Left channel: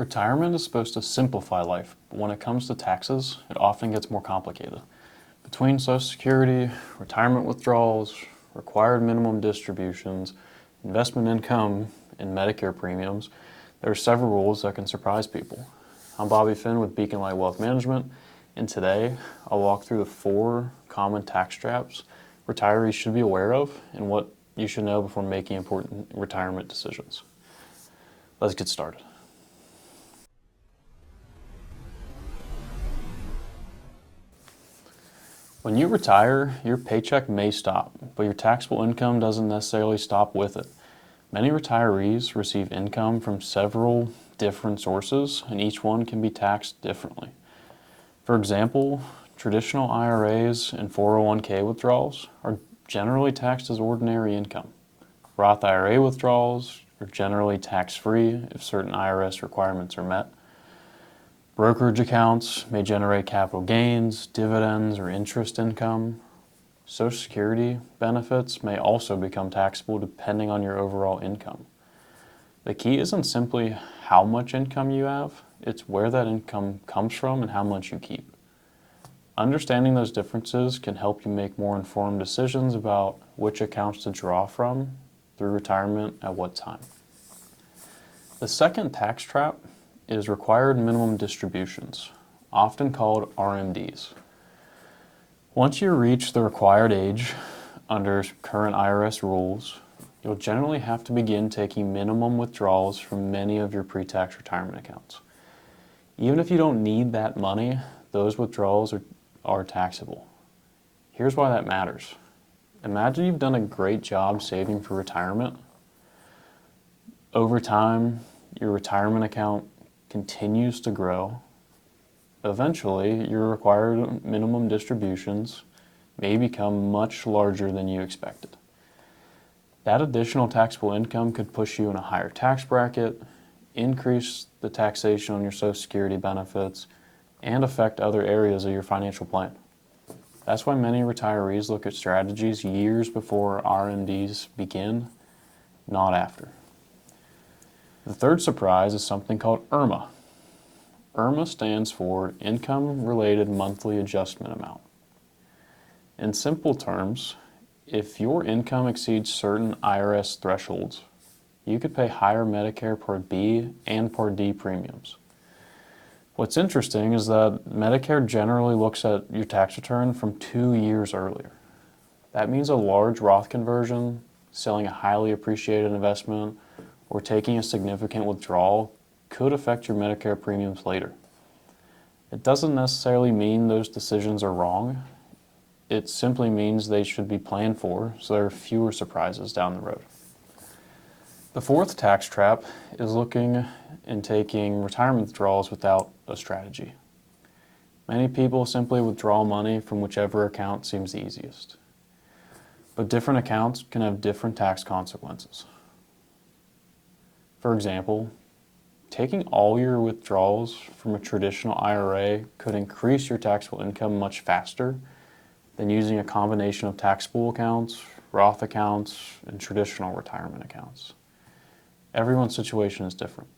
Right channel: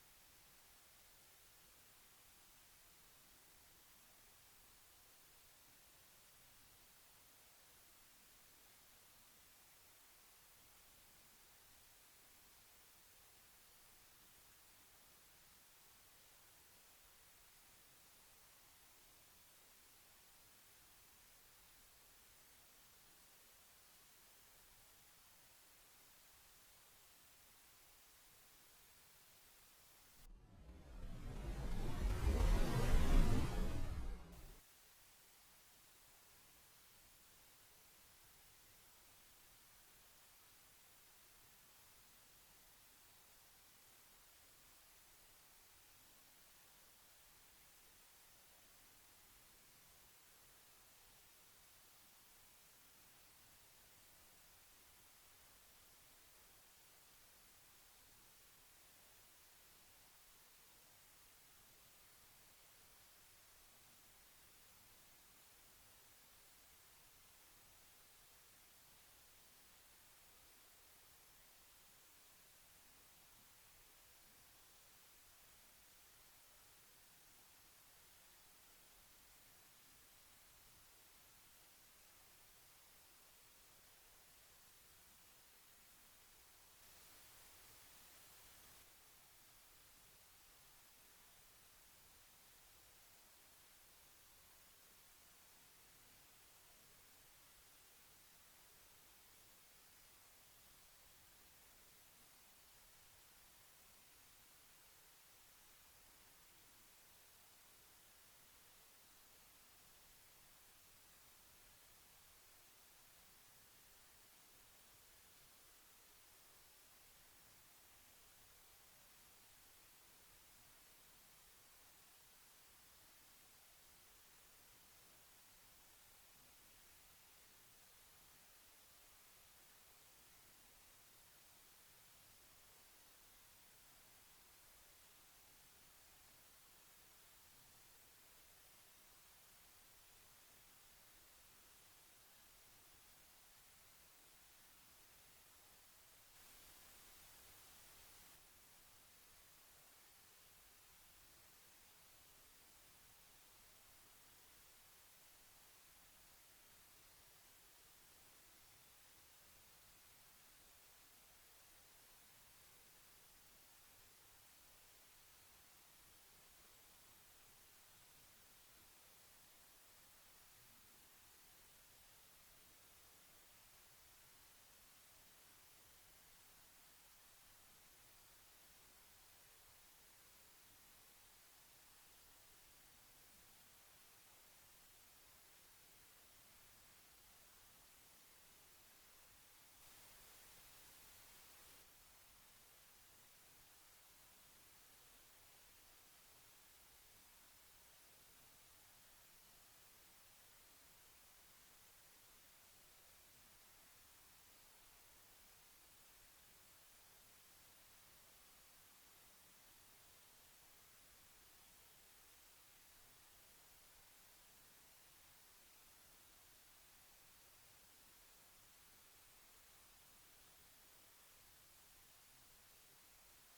Retirement is supposed to simplify life, but when it comes to taxes, it often gets more complicated. Between Social Security, retirement withdrawals, required minimum distributions, investment income, and Medicare premiums, there are several rules that can surprise people. I'm Bobby Finn with Beacon Light Wealth Management, and today I'll walk through the 4 common tax traps retirees should be aware of and what you should know before making important retirement decisions. Let's get started. When you retire, your paycheck may stop, but your taxable income doesn't necessarily stop with it. Many retirees receive income from several different sources, and each one can be taxed differently. For example, traditional IRAs and 401k withdrawals are generally taxed as ordinary income. Roth IRA withdrawals are generally tax-free if certain IRS requirements are met. Brokerage accounts may generate capital gains, dividends, or interest income. Social Security benefits may also become taxable depending on your overall income. The key isn't simply how much income you have, it's where that income comes from and how much you keep. Understanding those differences can help you make more informed decisions about which accounts to draw from through retirement at what time. The second tax trap is required minimum distributions, often called RMDs. Once you reach the required age under current IRS rules, you'll generally have to begin taking minimum withdrawals from many of your pre-tax retirement accounts. Even if you don't need that money, those withdrawals are taxable. Here's why that matters. Imagine you've done a great job saving for retirement. Over time, your retirement account continues to grow. Eventually, your required minimum distributions may become much larger than you expected. That additional taxable income could push you in a higher tax bracket, increase the taxation on your Social Security benefits, and affect other areas of your financial plan. That's why many retirees look at strategies years before RMDs begin, not after. The third surprise is something called IRMAA. IRMAA stands for Income-Related Monthly Adjustment Amount. In simple terms, if your income exceeds certain IRS thresholds, you could pay higher Medicare Part B and Part D premiums. What's interesting is that Medicare generally looks at your tax return from 2 years earlier. That means a large Roth conversion, selling a highly appreciated investment, or taking a significant withdrawal could affect your Medicare premiums later. It doesn't necessarily mean those decisions are wrong. It simply means they should be planned for so there are fewer surprises down the road. The fourth tax trap is looking and taking retirement withdrawals without a strategy. Many people simply withdraw money from whichever account seems the easiest. But different accounts can have different tax consequences. For example, taking all your withdrawals from a traditional IRA could increase your taxable income much faster than using a combination of taxable accounts, Roth accounts, and traditional retirement accounts. Everyone's situation is different.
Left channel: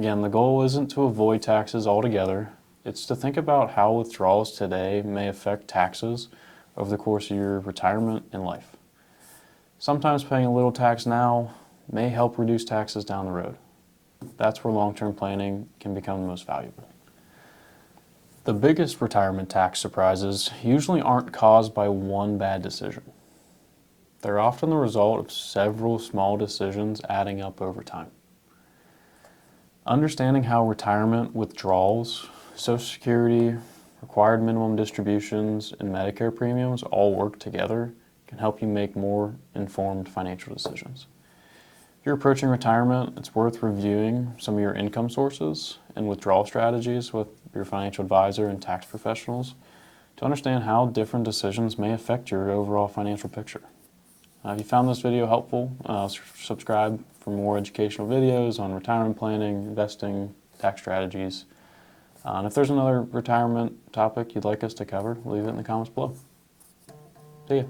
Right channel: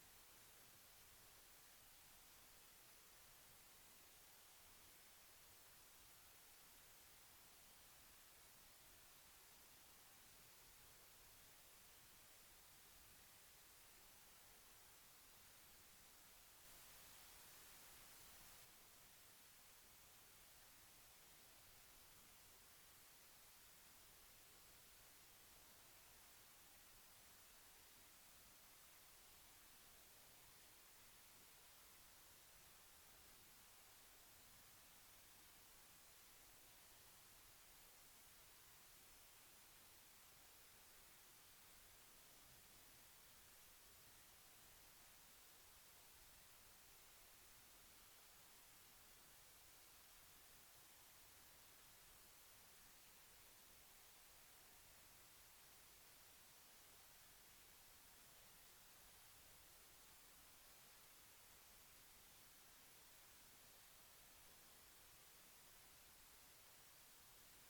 Again, the goal isn't to avoid taxes altogether. It's to think about how withdrawals today may affect taxes over the course of your retirement and life. Sometimes paying a little tax now may help reduce taxes down the road. That's where long-term planning can become the most valuable. The biggest retirement tax surprises usually aren't caused by one bad decision. They're often the result of several small decisions adding up over time. Understanding how retirement withdrawals, Social Security, required minimum distributions, and Medicare premiums all work together can help you make more informed financial decisions. If you're approaching retirement, it's worth reviewing some of your income sources and withdrawal strategies with your financial advisor and tax professionals to understand how different decisions may affect your overall financial picture. If you found this video helpful, subscribe for more educational videos on retirement planning, investing, tax strategies. And if there's another retirement topic you'd like us to cover, leave it in the comments below. See ya.